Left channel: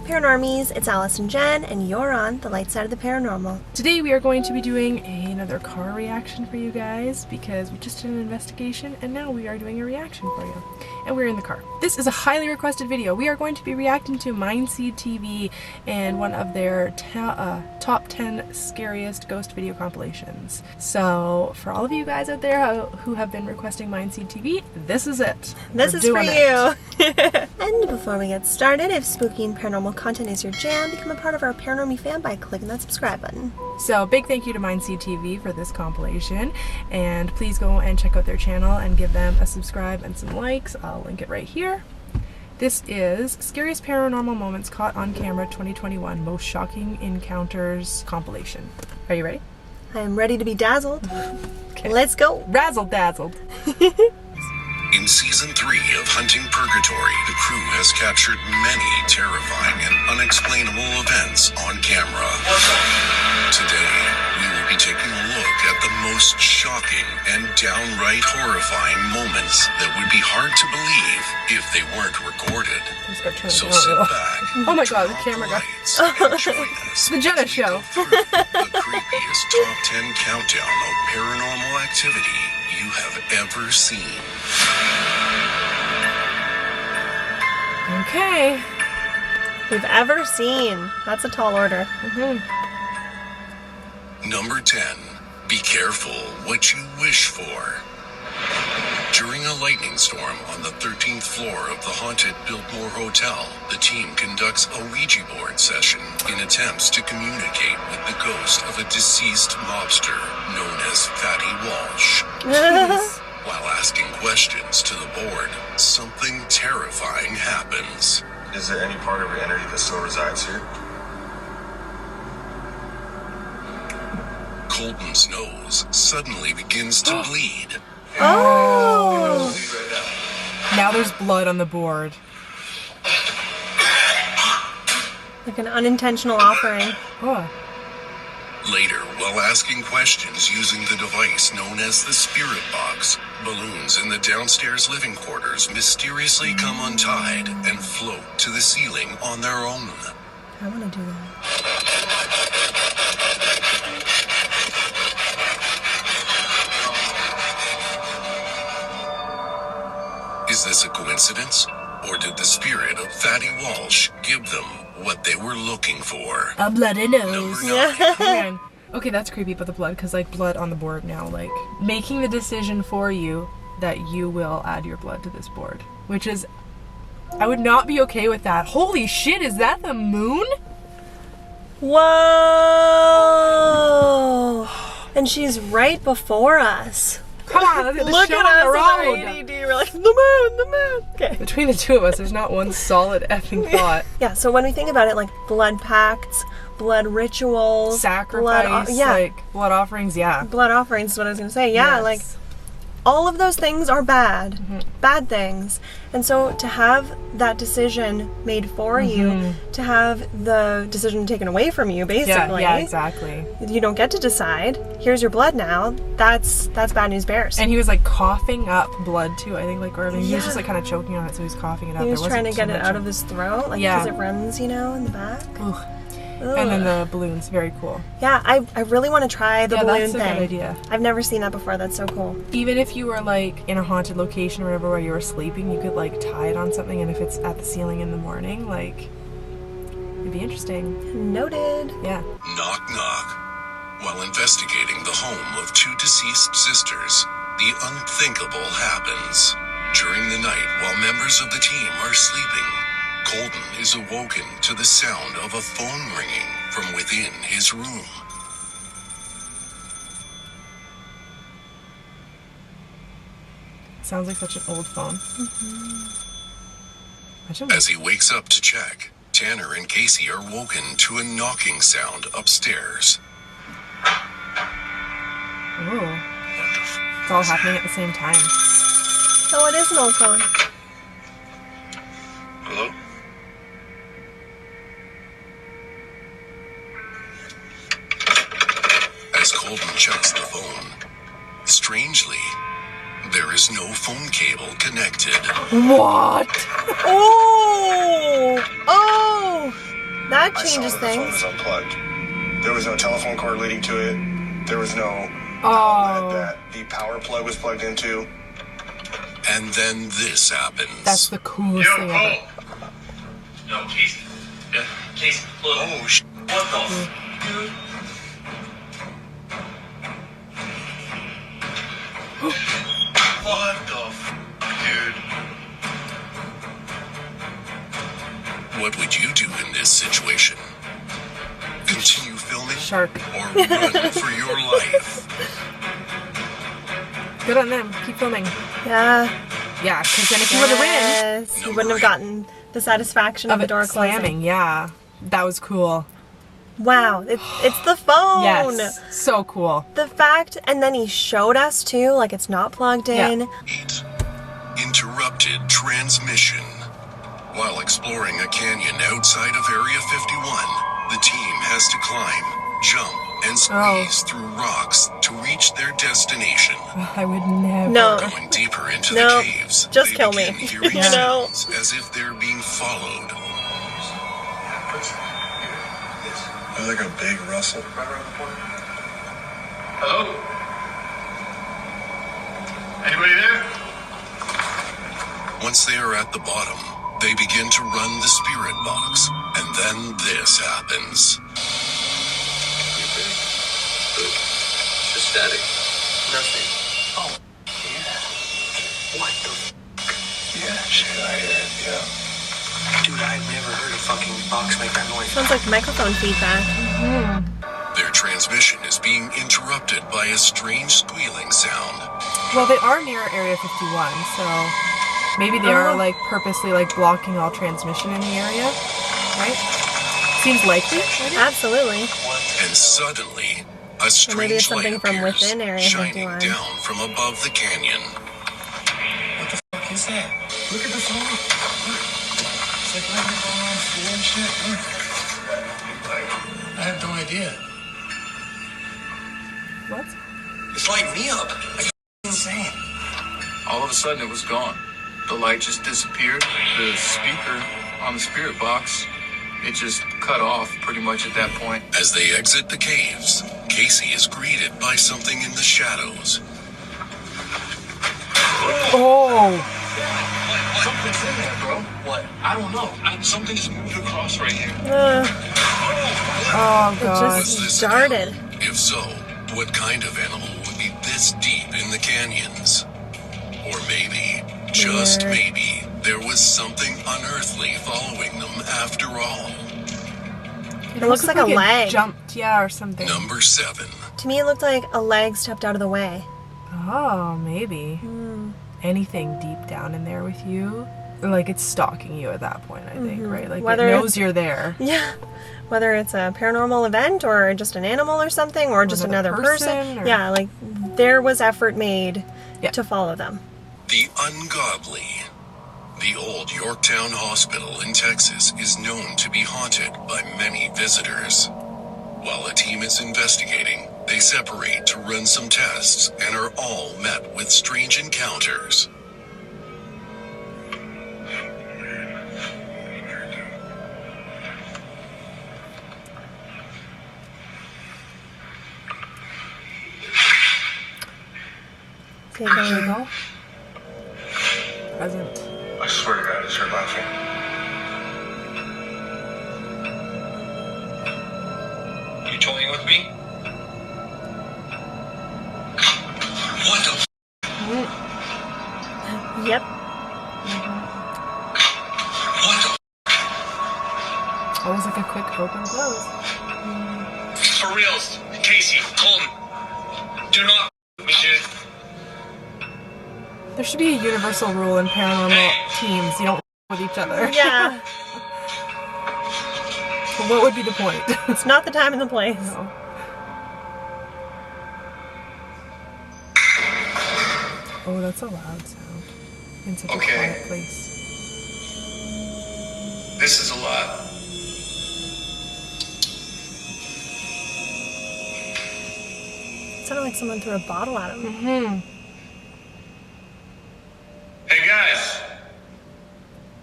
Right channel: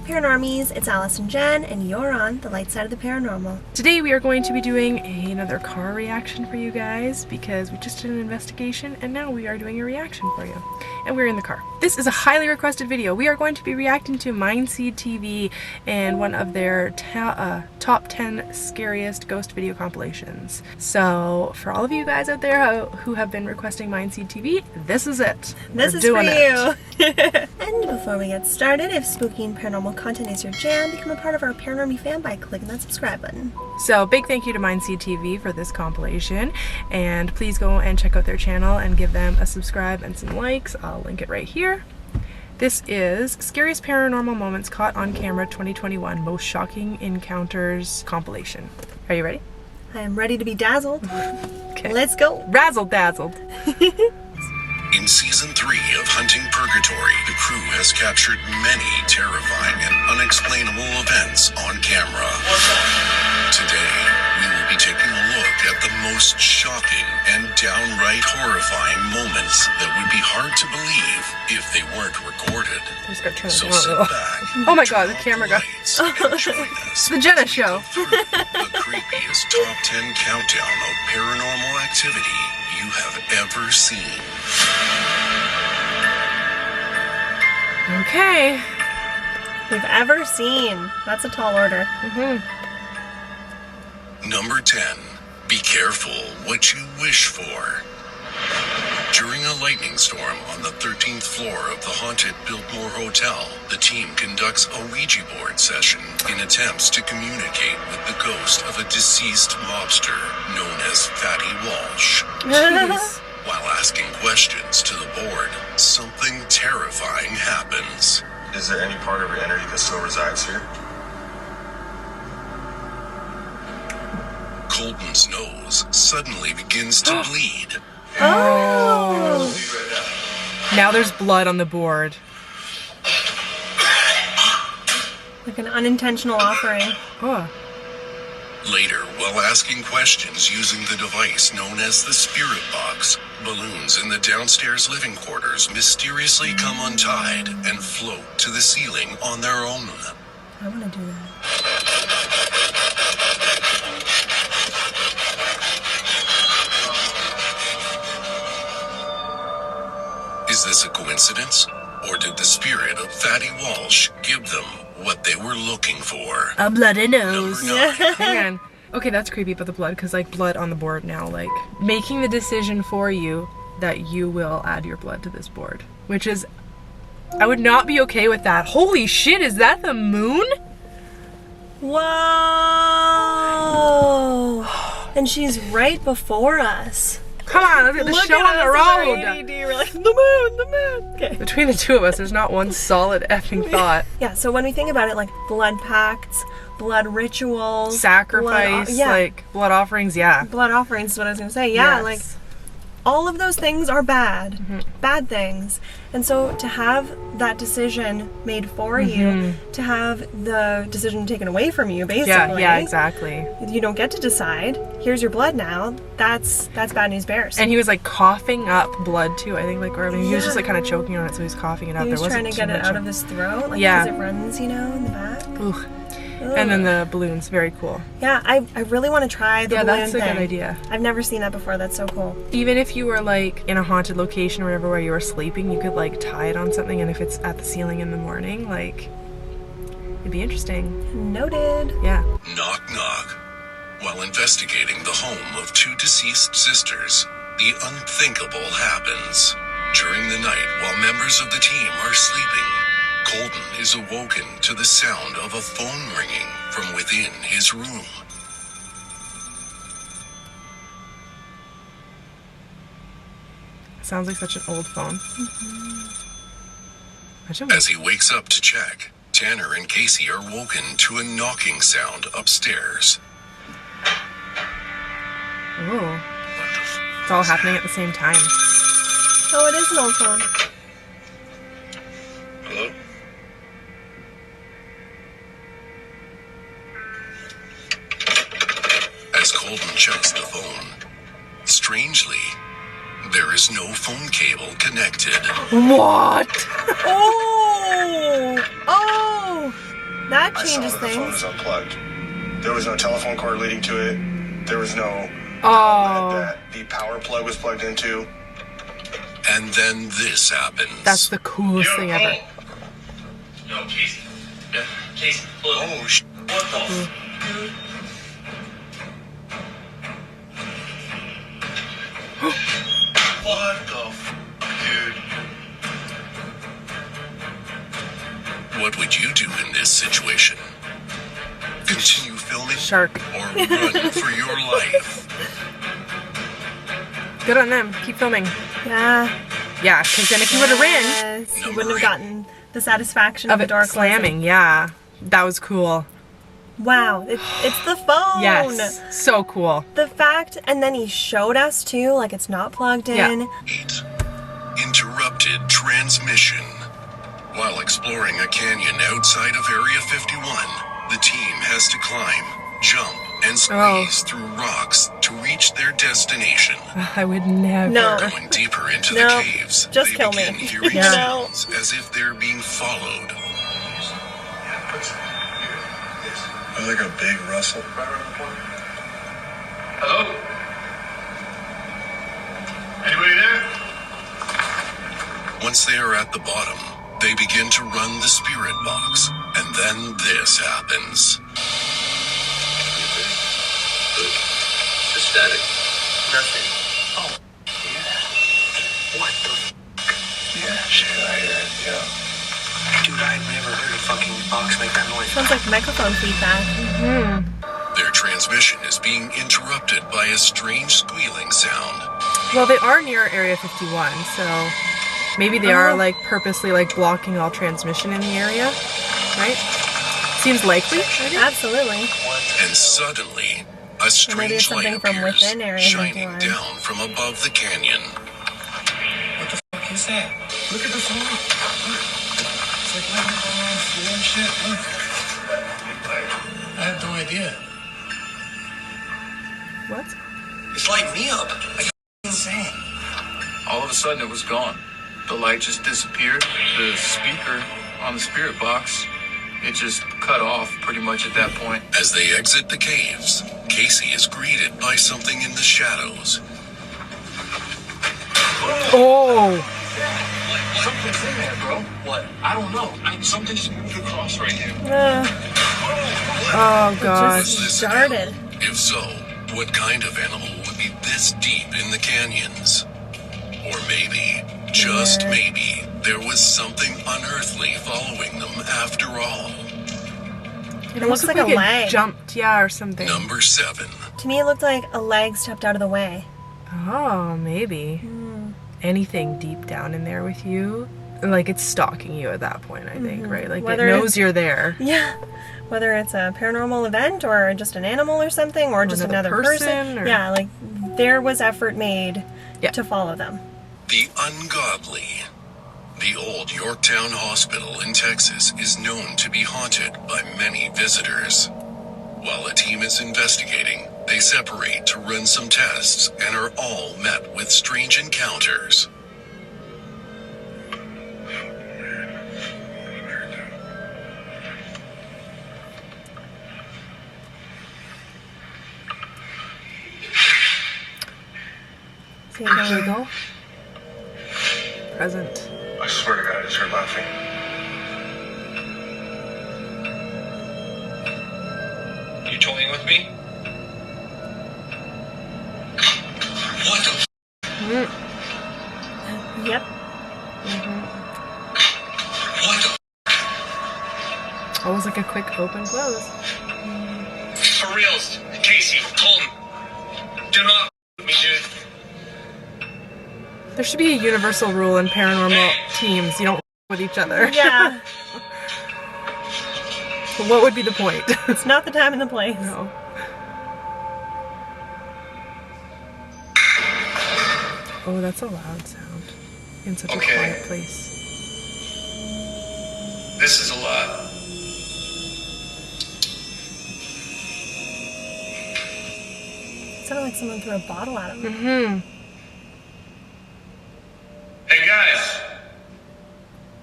Hey Paranormies, it's Alice and Jen, and you're on the light side of the paranormal. Today we are going to be doing another car reaction for you guys because we just did an investigation and now we are doing a reaction for you. And we're in the car. This is a highly requested video. We are going to be reacting to MindSeed TV and one of their top 10 scariest ghost video compilations. So for all of you guys out there who have been requesting MindSeed TV, this is it. This is for you. And before we get started, if spooky and paranormal content is your jam, become a part of our Paranormy fan by clicking that subscribe button. So big thank you to MindSeed TV for this compilation, and please go and check out their channel and give them a subscribe and some likes. I'll link it right here. This is Scariest Paranormal Moments Caught on Camera 2021 Most Shocking Encounters compilation. Are you ready? I am ready to be dazzled. Okay. Let's go. Razzle dazzled. In Season 3 of Hunting Purgatory, the crew has captured many terrifying and unexplainable events on camera. Today, we will be taking a look at the most shocking and downright horrifying moments that would be hard to believe if they weren't recorded. So sit back. Oh my god, the camera got... It's the Jenna Show. The creepiest top 10 countdown of paranormal activity you have ever seen. Okay. We've ever seen. That's a tall order. Number 10. Be careful what you wish for. During a lightning storm on the 13th floor of the haunted Biltmore Hotel, the team conducts a Ouija board session in attempts to communicate with the ghost of a deceased mobster known as Fatty Walsh. While asking questions to the board, something terrifying happens. Is there any part of your energy that still resides here? Colton's nose suddenly begins to bleed. Oh! Now there's blood on the board. Like an unintentional offering. Oh. Later, while asking questions using the device known as the spirit box, balloons in the downstairs living quarters mysteriously come untied and float to the ceiling on their own. I want to do that. Is this a coincidence? Or did the spirit of Fatty Walsh give them what they were looking for? A bloody nose. Number 9. Hang on. Okay, that's creepy about the blood, because like blood on the board now, like making the decision for you that you will add your blood to this board, which is, I would not be okay with that. Holy shit, is that the moon? Whoa! And she's right before us. Come on, look at the Look show at on the us road. in our ADD. We're like, the moon. Okay. Between the two of us, there's not one solid effing thought. Yeah, so when we think about it, like blood pacts, blood rituals, Sacrifice, like blood offerings, yeah. Blood offerings is what I was gonna say. Yeah, Yes. like all of those things are bad. Bad things. And so to have that decision made for you, to have the decision taken away from you, basically. Yeah, exactly. You don't get to decide. Here's your blood now. That's bad news bears. And he was like coughing up blood too, I think, like, or I mean, he was just like kind of choking on it, so he was coughing it up. he was There trying to wasn't get too it much out of his throat, like, Yeah. because it runs, you know, in the back. Ooh. And then the balloons, very cool. Yeah, I really want to try the balloon that's a thing. good idea. I've never seen that before. That's so cool. Even if you were like in a haunted location or whatever where you were sleeping, you could like tie it on something, and if it's at the ceiling in the morning, like, it'd be interesting. Noted. Yeah. Knock knock. While investigating the home of 2 deceased sisters, the unthinkable happens. During the night, while members of the team are sleeping, Colton is awoken to the sound of a phone ringing from within his room. Sounds like such an old phone. Imagine As he wakes up to check, Tanner and Casey are woken to a knocking sound upstairs. Ooh. It's all happening at the same time. Oh, it is an old phone. Hello? As Colton checks the phone, strangely, there is no phone cable connected. What? Oh! Oh! That I saw changes that the phone was things. unplugged. There was no telephone cord leading to it. There was no Oh, that the power plug was plugged into. And then this happens. that's the coolest thing ever. Yo, Casey. Yeah, Casey, look. Oh, What the dude? What the dude? What would you do in this situation? Continue filming Shark. or run for your life? Good on them. Keep filming. Yeah. Yeah, because then if you would have ran Yes. You wouldn't have gotten the satisfaction of the it door slamming, closing. yeah, that was cool. Wow. It's the phone. Yes, so cool. The fact, and then he showed us too, like it's not plugged in. Yeah. 8. Interrupted transmission. While exploring a canyon outside of Area 51, the team has to climb, jump, and squeeze through rocks to reach their destination. I would never. No. Going deeper into No, the caves, just they kill me. begin hearing You know? sounds as if they're being followed. It was like a big rustle. Hello? Anybody there? Once they are at the bottom, they begin to run the spirit box, and then this happens. Just static. Nothing. Oh, yeah. What the Yeah, shit, I hear it, yeah. Dude, I've never heard a fucking box make that noise. Sounds like microphone feedback. Their transmission is being interrupted by a strange squealing sound. Well, they are near Area 51, so maybe they are like purposely like blocking all transmission in the area, right? Seems likely. Maybe? Absolutely. And suddenly, a maybe it's strange light something from appears, within Area shining 51. down from above the canyon. What the fuck is that? Look at the phone. Look. It's like lightning going around the floor and shit. Look. I have no idea. What? It's lighting me up. It's insane. All of a sudden, it was gone. The light just disappeared. The speaker on the spirit box, it just cut off pretty much at that point. As they exit the caves, Casey is greeted by something in the shadows. Oh, Something's in there, bro. What? I don't know. Something just moved across right here. oh It gosh. Was this just an started. animal? If so, what kind of animal would be this deep in the canyons? Or maybe, just maybe, there was something unearthly following them after all. It looks like a it leg. jumped, yeah, or something. Number 7. To me, it looked like a leg stepped out of the way. Oh, maybe. Anything deep down in there with you. Like it's stalking you at that point, I think, right? Like Whether it it's- knows you're there. Yeah. Whether it's a paranormal event or just an animal or something or just another another person, person. or- Yeah, like there was effort made Yeah. to follow them. The ungodly. The old Yorktown Hospital in Texas is known to be haunted by many visitors. While a team is investigating, they separate to run some tests and are all met with strange encounters. So There you you go. Present. I swear to God, I just heard laughing. You toying with me? What the? Yep. What the? That was like a quick open close. For reals, Casey, Colton, do not with me, dude. There should be a universal rule in paranormal teams. You don't with each other. Yeah. But what would be the point? It's not the time and the place. No. Oh, that's a loud sound in such a Okay. quiet place. This is a lot. It sounded like someone threw a bottle at him. Mm-hmm. Hey guys,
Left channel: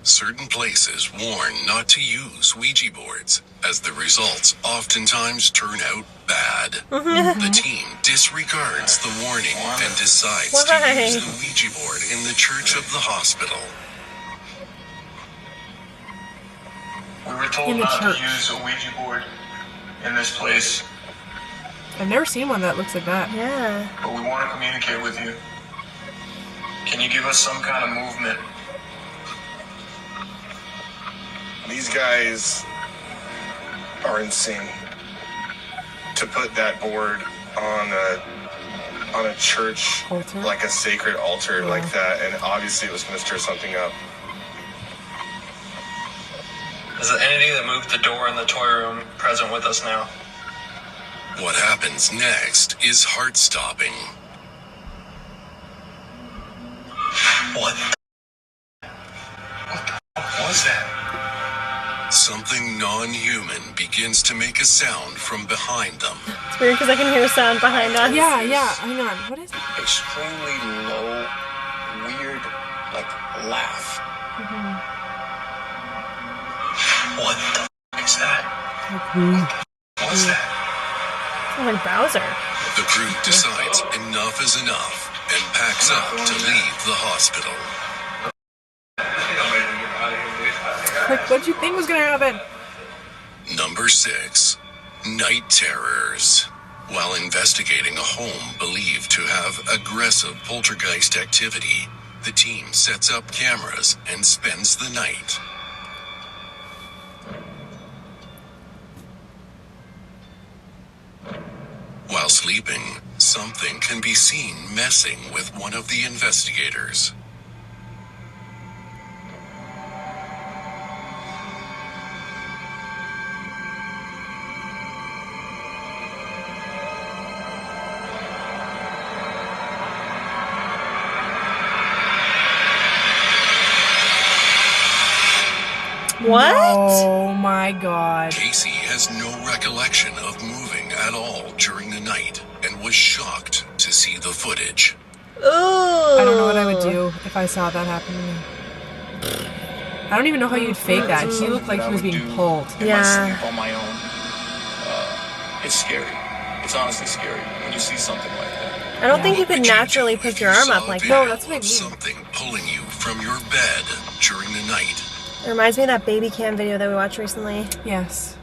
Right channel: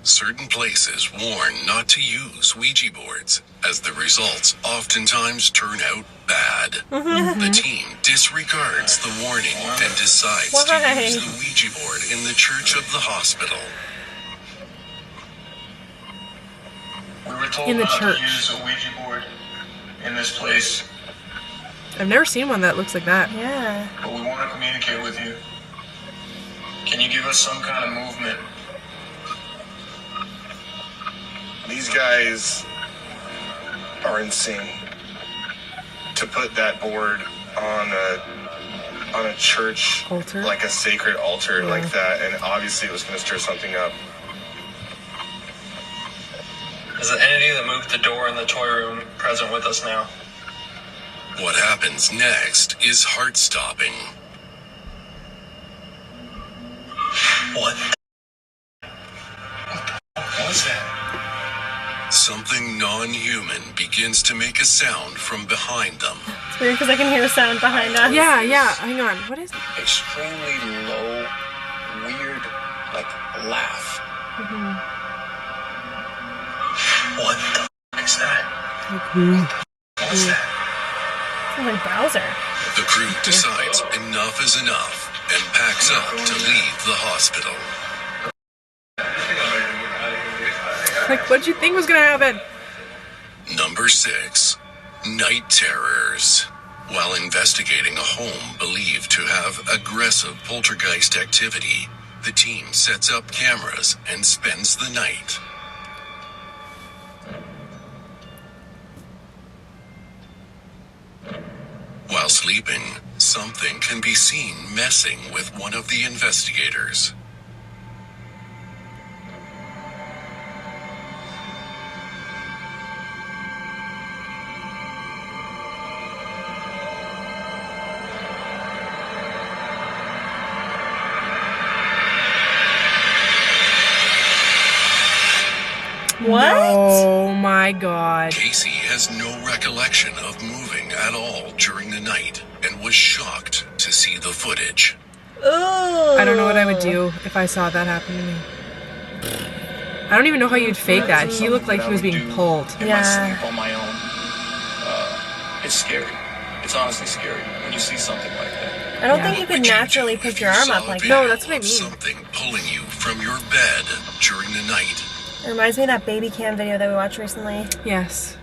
certain places warn not to use Ouija boards, as the results oftentimes turn out bad. The team disregards the warning and decides to use the Ouija board in the church of the hospital. We were told In the not church. to use a Ouija board in this place, I've never seen one that looks like that. Yeah. but we want to communicate with you. Can you give us some kind of movement? These guys are insane. To put that board on a church Altar? like a sacred altar like that, and obviously it was going to stir something up. Is the entity that moved the door in the toy room present with us now? What happens next is heart-stopping. What? What was that? Something non-human begins to make a sound from behind them. It's weird because I can hear a sound behind us. Yeah, yeah. Hang on. What is it? Extremely low, weird, like laugh. What the f is that? What was that? Sounds like Bowser. The crew decides enough is enough and packs up to leave the hospital. Like, what'd you think was gonna happen? Number 6. Night terrors. While investigating a home believed to have aggressive poltergeist activity, the team sets up cameras and spends the night. While sleeping, something can be seen messing with one of the investigators. What? Oh my god. Casey has no recollection of moving at all during the night and was shocked to see the footage. Ooh. I don't know what I would do if I saw that happening. I don't even know how you'd fake that. He looked like he was being pulled. In Yeah. my sleep on my own. It's scary. It's honestly scary when you see something like that. I don't Yeah. think you could naturally If put you your arm saw up a like video that. that's what I of mean. Something pulling you from your bed during the night. It reminds me of that baby cam video that we watched recently. Yes.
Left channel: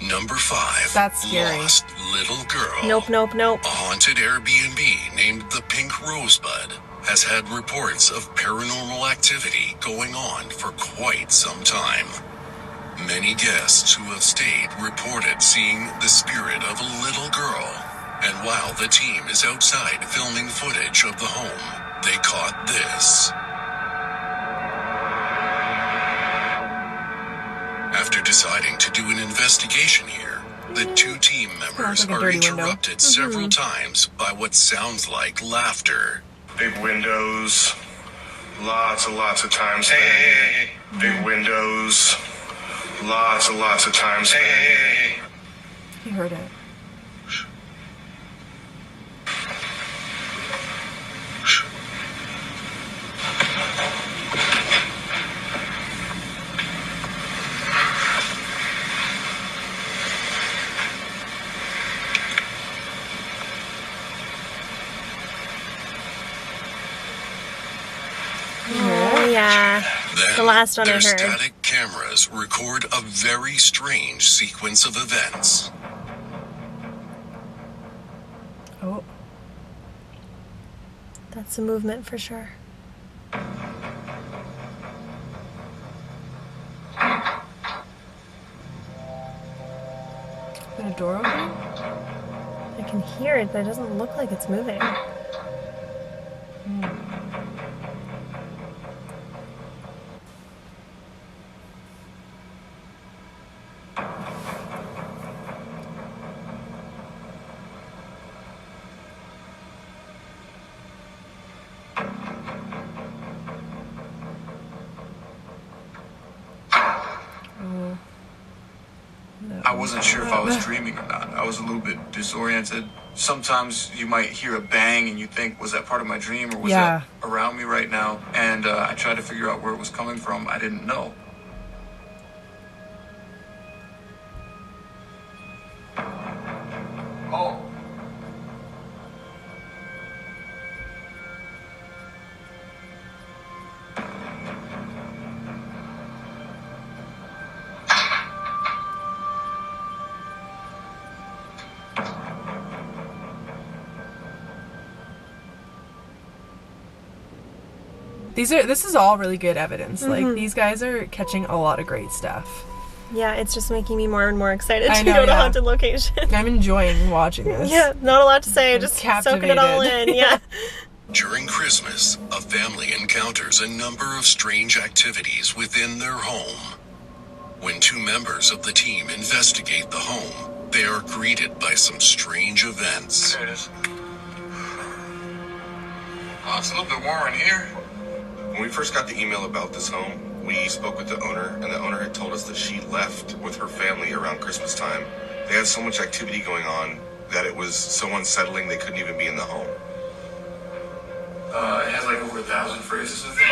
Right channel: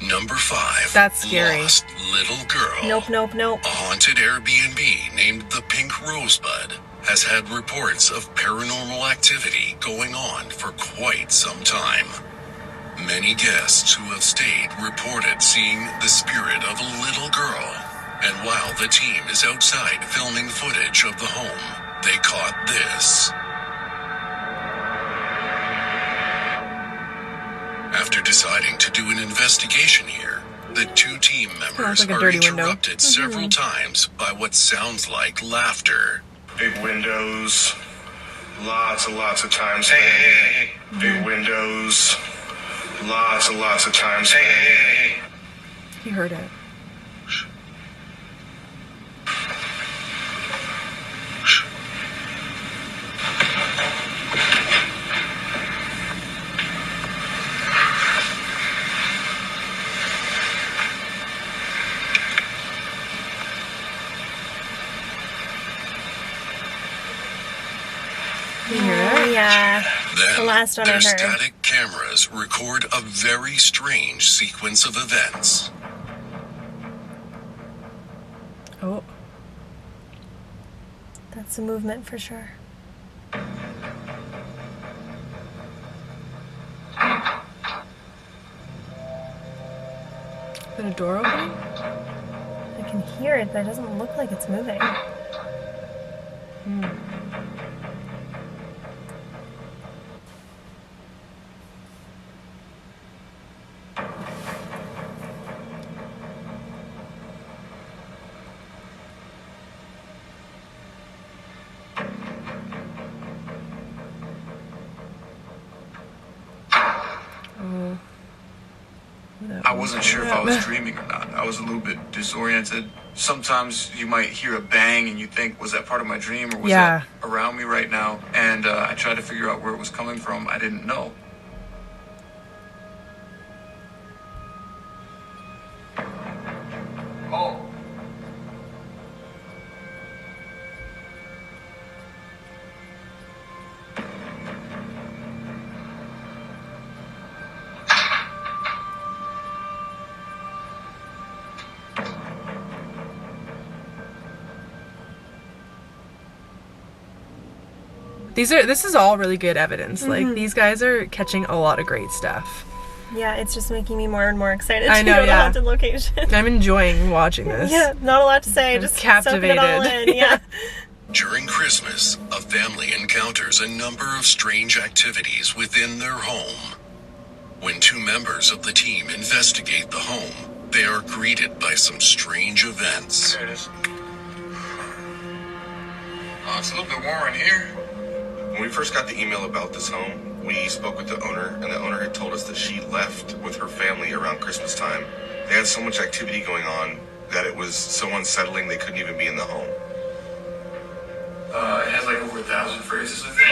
Number 5. That's scary. Lost little girl. Nope, nope, nope. A haunted Airbnb named the Pink Rosebud has had reports of paranormal activity going on for quite some time. Many guests who have stayed reported seeing the spirit of a little girl. And while the team is outside filming footage of the home, they caught this. After deciding to do an investigation here, the 2 team members like a are dirty window. interrupted several times by what sounds like laughter. Big windows, lots and lots of times. Hey. Big windows, lots and lots of times. Hey. He heard it. You hear Oh, it? yeah. Then, The last one I their heard. static cameras record a very strange sequence of events. Oh. That's a movement for sure. Is that a door open? I can hear it, but it doesn't look like it's moving. I wasn't sure if I was dreaming or not. I was a little bit disoriented. Sometimes you might hear a bang and you think, was that part of my dream or was Yeah. that around me right now? And I tried to figure out where it was coming from. I didn't know. Oh. This is all really good evidence. Like, these guys are catching a lot of great stuff. Yeah, it's just making me more and more excited I to know, go to yeah. haunted location. I'm enjoying watching this. Yeah, not a lot to say, I'm just soaking it all captivated. in. Yeah. During Christmas, a family encounters a number of strange activities within their home. When two members of the team investigate the home, they are greeted by some strange events. There it is. Oh, it's a little bit warmer in here. When we first got the email about this home, we spoke with the owner, and the owner had told us that she left with her family around Christmas time. They had so much activity going on that it was so unsettling they couldn't even be in the home. It has like over 1,000 phrases, I think.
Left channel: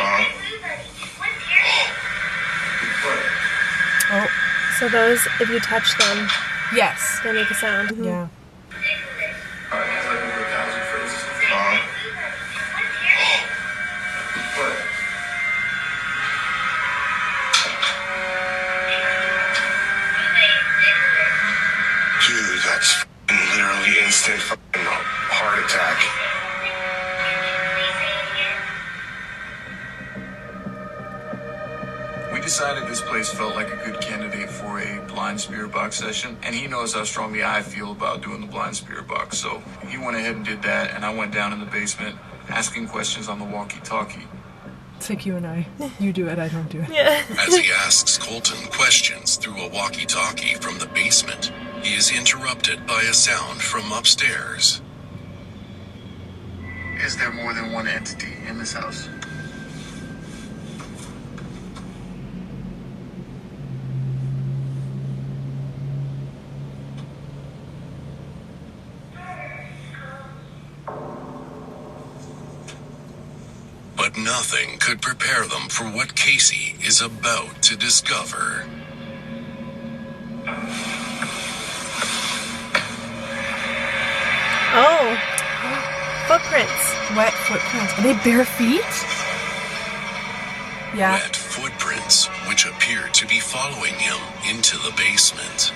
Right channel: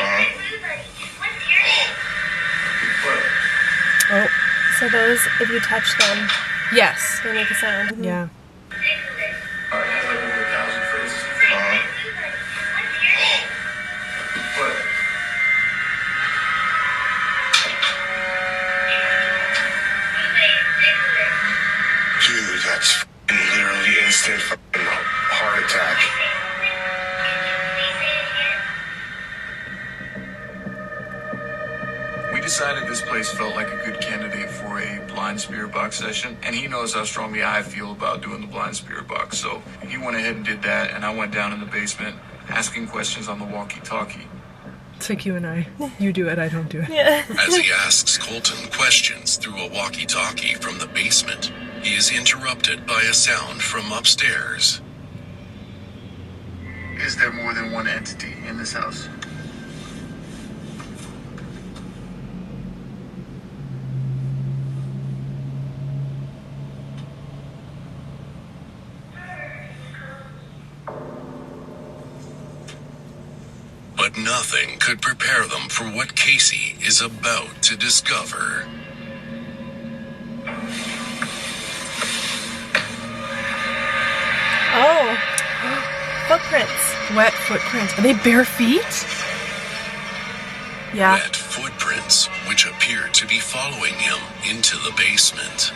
What? Oh, So those, if you touch them, yes. they make a sound. Mhm. Yeah. It has like over 1,000 phrases. What? Dude, that's f***ing literally instant f***ing heart attack. We decided this place felt like a good candidate for a blind spirit box session, and he knows how strongly I feel about doing the blind spirit box, so he went ahead and did that, and I went down in the basement asking questions on the walkie-talkie. It's like you and I. You do it, I don't do it. Yeah. As he asks Colton questions through a walkie-talkie from the basement, he is interrupted by a sound from upstairs. Is there more than one entity in this house? But nothing could prepare them for what Casey is about to discover. Oh. Footprints. Wet footprints. Are they bare feet? Yeah. Wet footprints, which appear to be following him into the basement.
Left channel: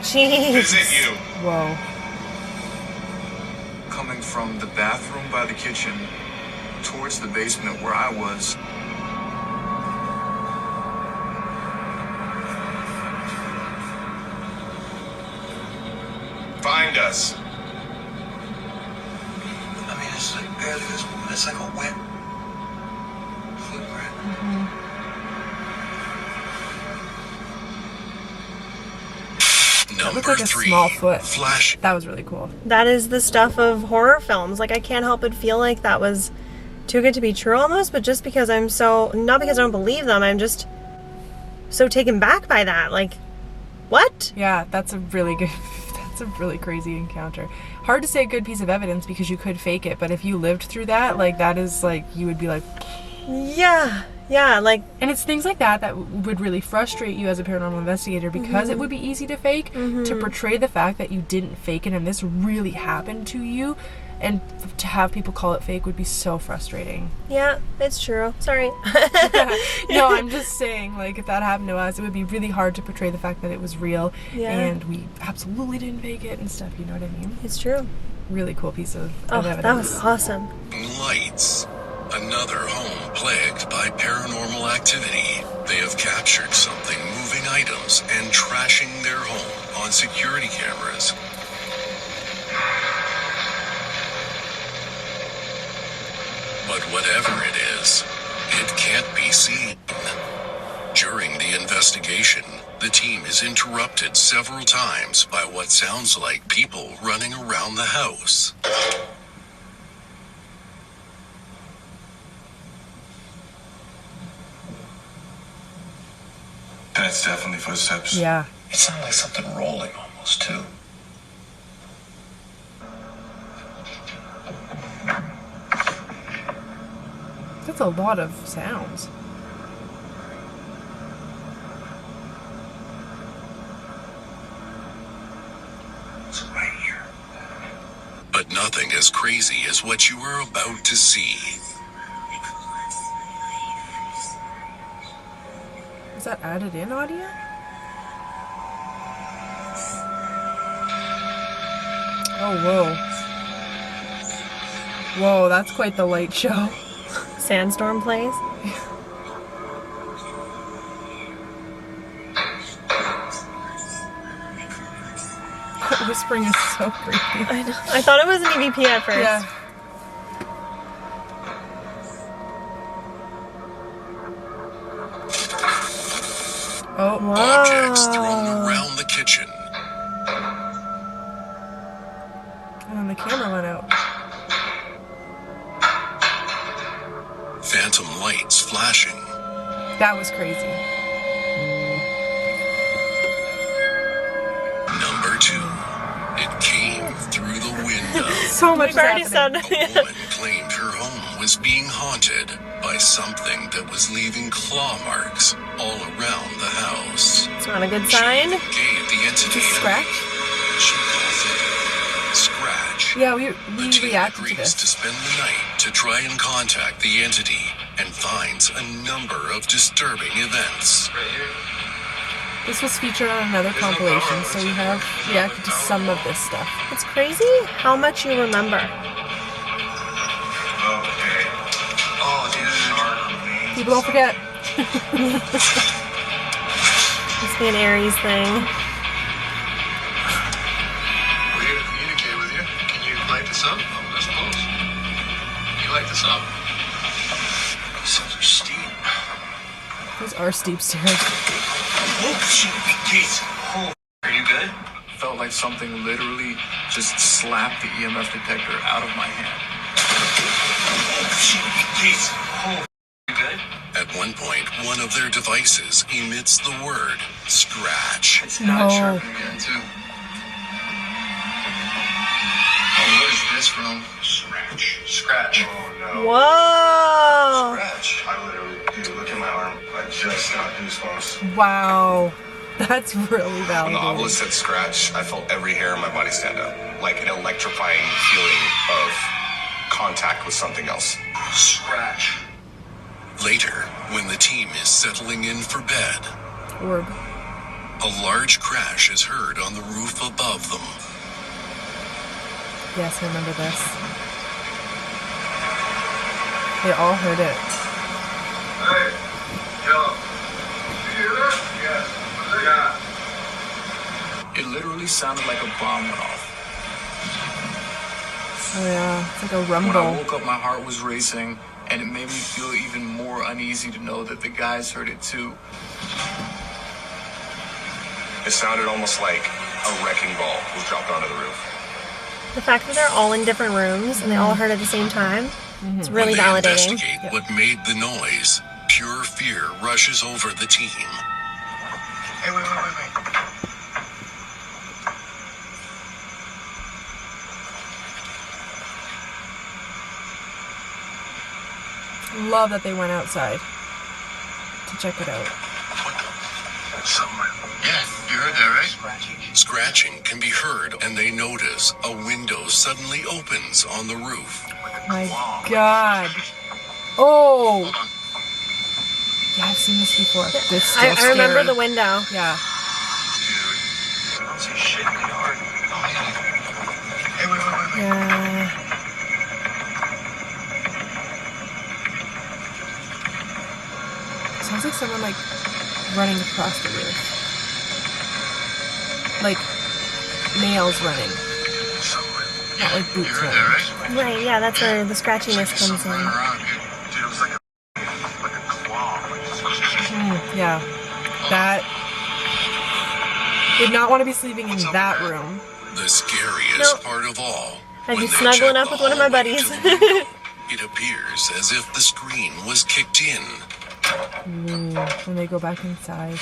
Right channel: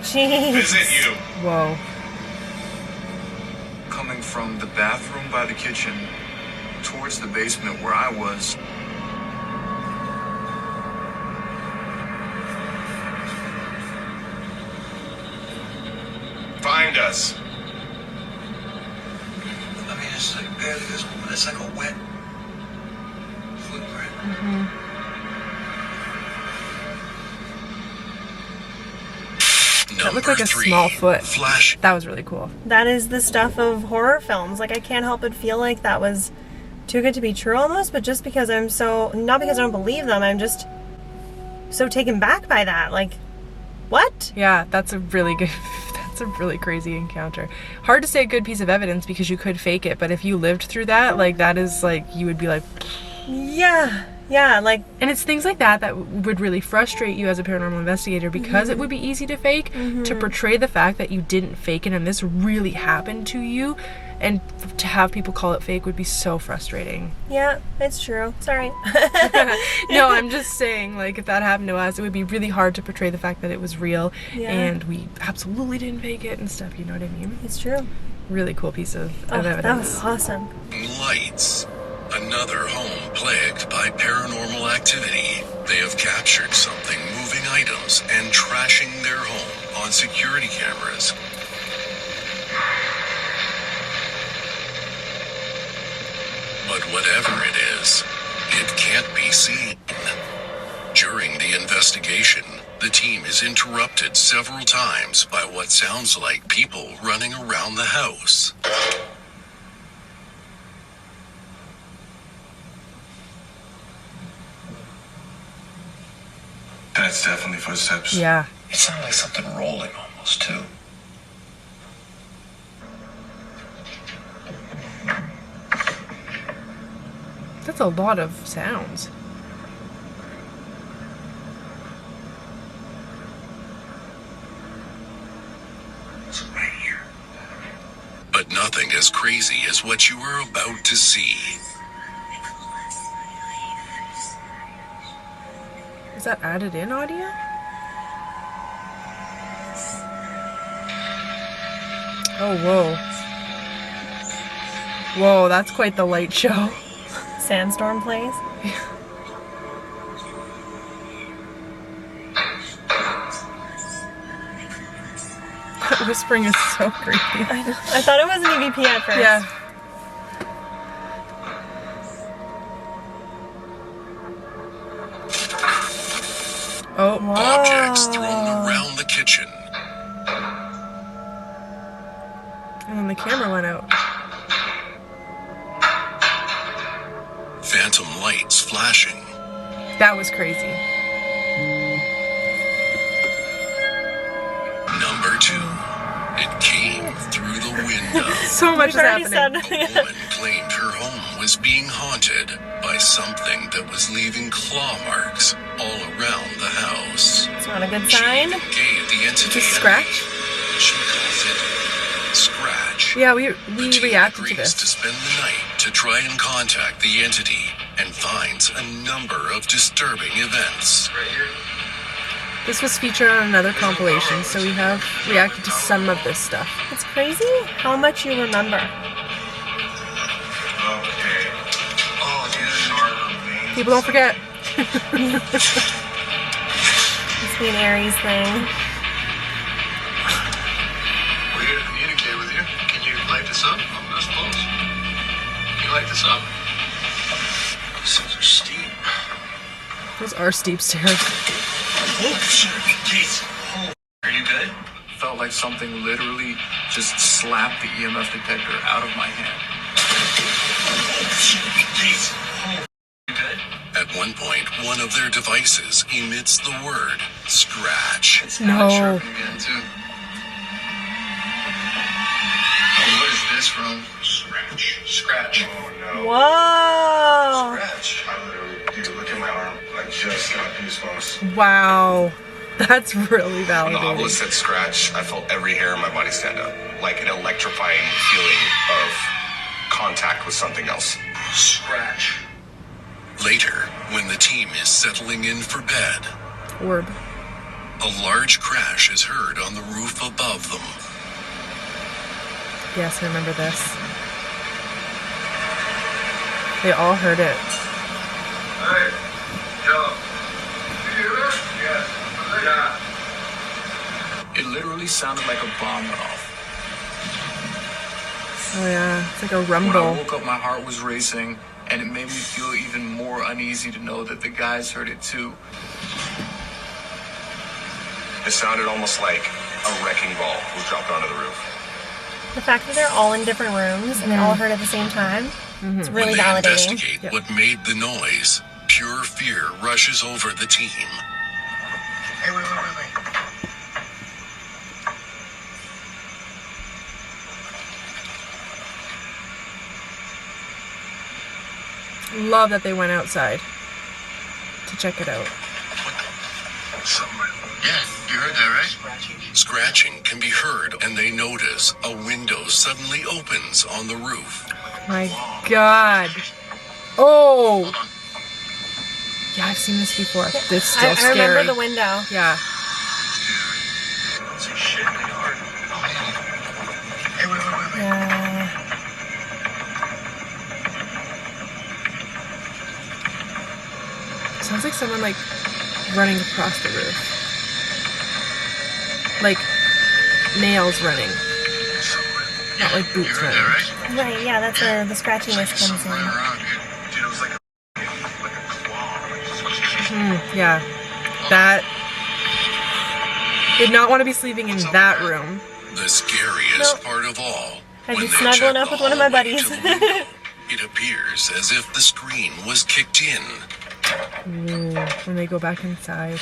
Jeez. Is it you? Whoa. Coming from the bathroom by the kitchen towards the basement where I was. Find us. I mean, it's like barely visible, but it's like a wet footprint. That looked like a small foot. Flash. That was really cool. That is the stuff of horror films. Like, I can't help but feel like that was too good to be true almost, but just because I'm so, not because I don't believe them, I'm just so taken back by that. Like, what? Yeah, that's a really good, that's a really crazy encounter. Hard to say a good piece of evidence because you could fake it, but if you lived through that, like, that is like, you would be like, Yeah, like, and it's things like that that would really frustrate you as a paranormal investigator because it would be easy to fake, to portray the fact that you didn't fake it and this really happened to you, and to have people call it fake would be so frustrating. yeah, it's true. Sorry. No, I'm just saying, like, if that happened to us, it would be really hard to portray the fact that it was real and we absolutely didn't fake it and stuff, you know what I mean? It's true. Really cool piece of Oh, evidence. that was awesome. Lights. Another home plagued by paranormal activity. They have captured something moving items and trashing their home on security cameras. But whatever it is, it can't be seen. During the investigation, the team is interrupted several times by what sounds like people running around the house. That's definitely footsteps. Yeah. It sounded like something rolling almost, too. That's a lot of sounds. It's right here. But nothing as crazy as what you are about to see. Is that added in audio? Oh, whoa. Whoa, that's quite the light show. Sandstorm plays. That whispering is so creepy. I thought it was an EVP at first. Yeah. Oh, Objects thrown around the kitchen. and then the camera went out. Phantom lights flashing. That was crazy. Number 2. It came through the window. So much is We've already happening. said. A woman claimed her home was being haunted by something that was leaving claw marks all around the house. It's not a good sign. Gave the entity Just a scratch? name. She calls it Scratch. Yeah, we The team reacted to agrees this. to spend the night to try and contact the entity and finds a number of disturbing events. Right here. This was featured on another compilation, so we have reacted to some of this stuff. It's crazy how much you remember. Okay. Oh, dude. People don't forget. Must be an Aries thing. We're here to communicate with you. Can you light this up? I suppose. Can you light this up? These are steep. Those are steep stairs. Oh, shit. Jeez. Oh. Are you good? Felt like something literally just slapped the EMF detector out of my hand. Oh, shit. Jeez. Oh. You good? At one point, one of their devices emits the word scratch. It's not No. sharp again, too. Oh, what is this from? Scratch. Scratch. Oh, no. Whoa! Scratch. I literally, dude, look at my arm. I just got goosebumps. Wow. That's really When the validating. obelisk said scratch, I felt every hair in my body stand up. Like an electrifying feeling of contact with something else. Scratch. Later, when the team is settling in for bed, Orb. a large crash is heard on the roof above them. Yes, I remember this. They all heard it. Hey. Yo. You hear that? Yeah. Yeah. It literally sounded like a bomb went off. Oh yeah, it's like a When I rumble. woke up, my heart was racing, and it made me feel even more uneasy to know that the guys heard it too. It sounded almost like a wrecking ball was dropped onto the roof. The fact that they're all in different rooms and they all heard at the same time, it's When really they validating. investigate what made the noise, pure fear rushes over the team. Hey, wait. Love that they went outside to check it out. Yeah, you heard that, right? Scratching can be heard, and they notice a window suddenly opens on the roof. My God. Oh. Yeah, I've seen this before. This still I remember scary. the window. Yeah. Dude. Don't say shit in the yard. Oh, yeah. Hey, wait. Yeah. Sounds like someone like running across the roof. Like nails running. Not like You boots heard running. that, right? Right, yeah, that's where the scratchiness comes Something running in. around here. Dude, it was like a claw. Yeah. That. Did not want to be sleeping in that room. The scariest Nope. part of all. I'd when be they snuggling check up the with one of my hallway buddies. to the window, it appears as if the screen was kicked in. Ooh, when they go back inside.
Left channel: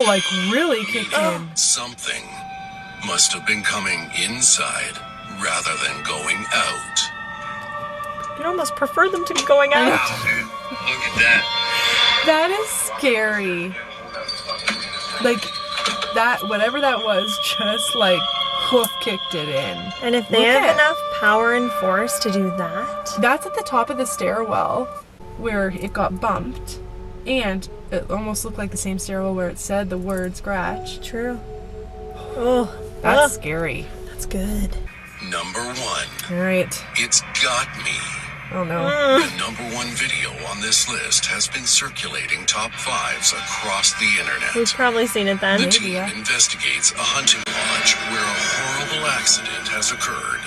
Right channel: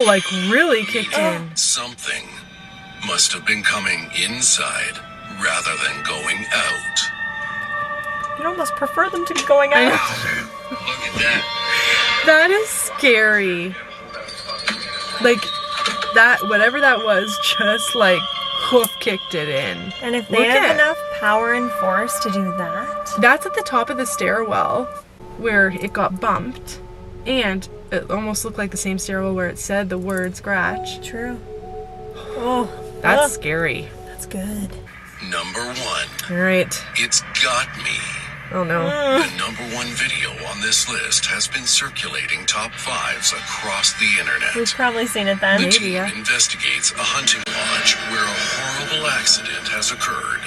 Like really kicked in. Something must have been coming inside rather than going out. You'd almost prefer them to be going out. Look at that. That is scary. Like, that, whatever that was, just like hoof kicked it in. And if they Look have at- enough power and force to do that, That's at the top of the stairwell where it got bumped. And it almost looked like the same stairwell where it said the word scratch. true. Oh, That's scary. that's good. Number 1. All right. It's Got Me. Oh no. The number 1 video on this list has been circulating top 5s across the internet. We've probably seen it then. The team yeah. investigates a hunting lodge where a horrible accident has occurred.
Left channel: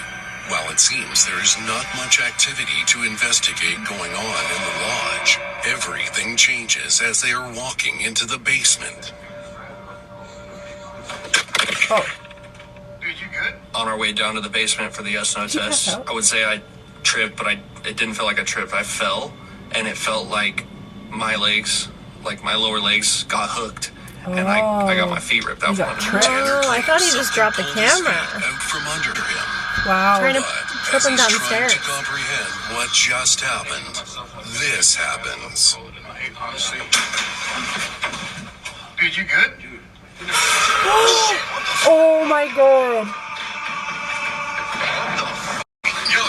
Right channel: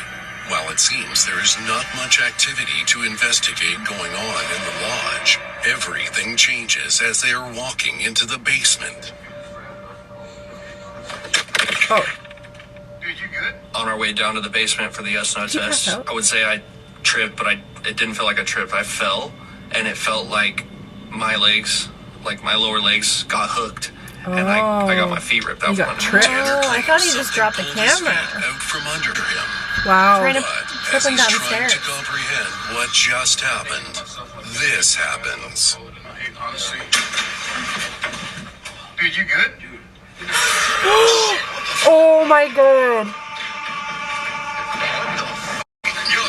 While it seems there is not much activity to investigate going on in the lodge, everything changes as they are walking into the basement. Oh. Dude, you good? On our way down to the basement for the SNO Did you test, pass out? I would say I tripped, but it didn't feel like I tripped. I fell, and it felt like my legs, like my lower legs, got hooked, and I got my feet ripped out You from got under me. tripped? Tanner Oh, I thought he claims just dropped the something pulled his camera. feet out from under him. Wow. Trying to But flip as him he's down the trying stairs. to comprehend what just happened, this happens. Hey, honestly. Dude, you good? Dude. Oh my god. Yo.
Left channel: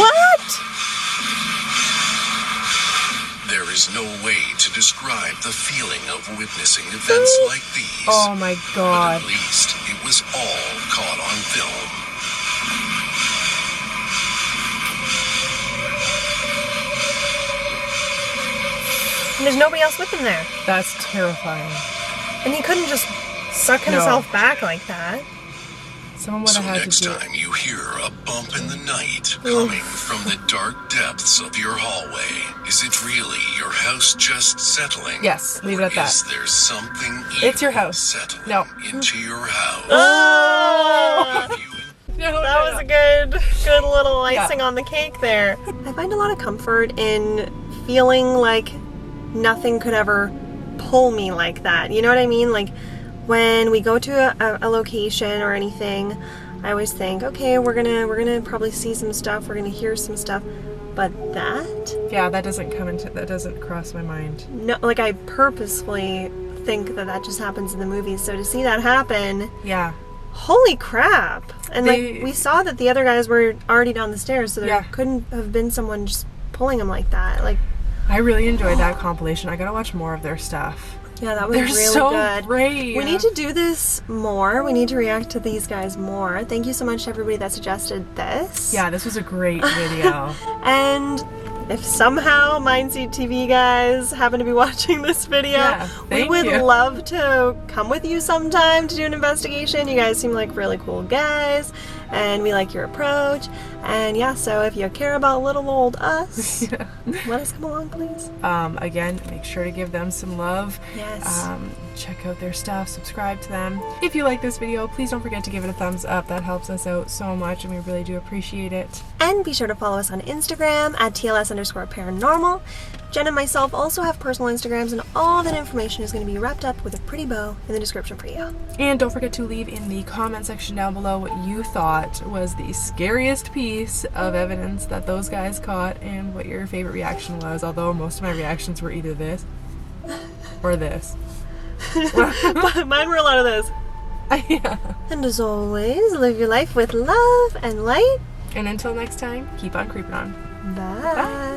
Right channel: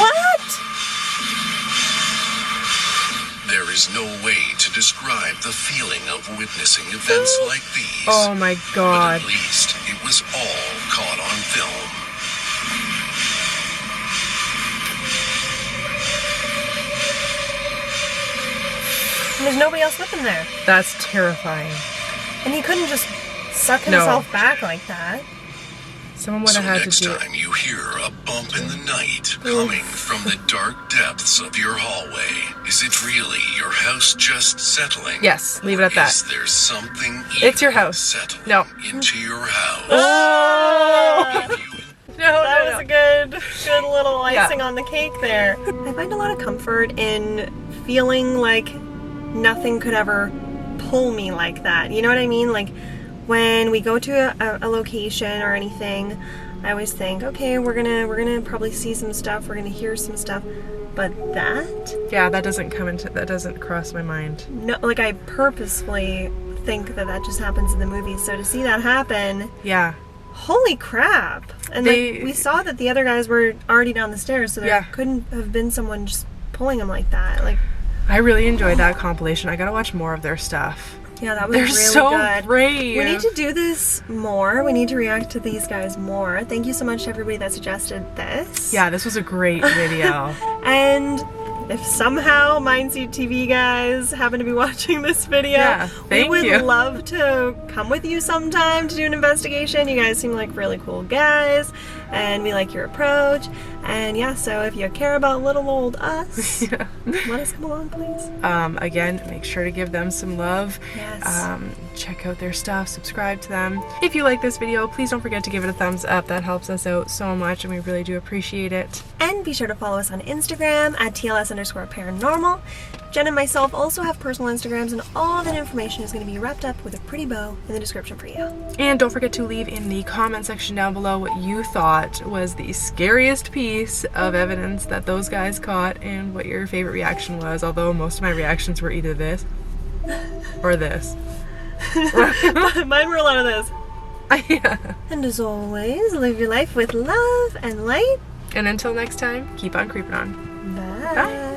What? There is no way to describe the feeling of witnessing events like these. Oh my But god. at least it was all caught on film. And there's nobody else with him there. That's terrifying. And he couldn't just suck No. himself back like that. Someone would So have had next to do it. time you hear a bump in the night coming from the dark depths of your hallway, is it really your house just settling? Yes, leave it at that. Is there something It's your evil house. settling No. into your house? Oh! Have you No, That was a good little Yeah. icing on the cake there. I find a lot of comfort in feeling like nothing could ever pull me like that. You know what I mean? Like when we go to a location or anything, I always think, okay, we're gonna probably see some stuff, we're gonna hear some stuff, but that, Yeah, that doesn't cross my mind. no, like I purposefully think that just happens in the movies. So to see that happen, Yeah. holy crap! And They- like we saw that the other guys were already down the stairs, so there Yeah. couldn't have been someone just pulling them like that. Like, I really enjoyed that compilation. I gotta watch more of their stuff. yeah, that was They're really so good. brave. We need to do this more. We need to react to these guys more. Thank you so much to everybody that suggested this. Yeah, this was a great video. And if somehow MindSeed TV guys happen to be watching this video, Yeah, we thank would you. love to come with you sometime to do an investigation. You guys seem like really cool guys, and we like your approach. And yeah, so if you care about little old us, let us come along, please. Again, make sure to give them some love. Yes. Check out their stuff, subscribe to them. If you like this video, please don't forget to give it a thumbs up. That helps us out so much and we really do appreciate it. And be sure to follow us on Instagram at TLS_paranormal. Jen and myself also have personal Instagrams, and all that information is going to be wrapped up with a pretty bow in the description for you. And don't forget to leave in the comment section down below what you thought was the scariest piece of evidence that those guys caught and what your favorite reaction was, although most of my reactions were either this or this. Mine were a lot of this. Yeah. And as always, live your life with love and light. And until next time, keep on creeping on. Bye. Bye.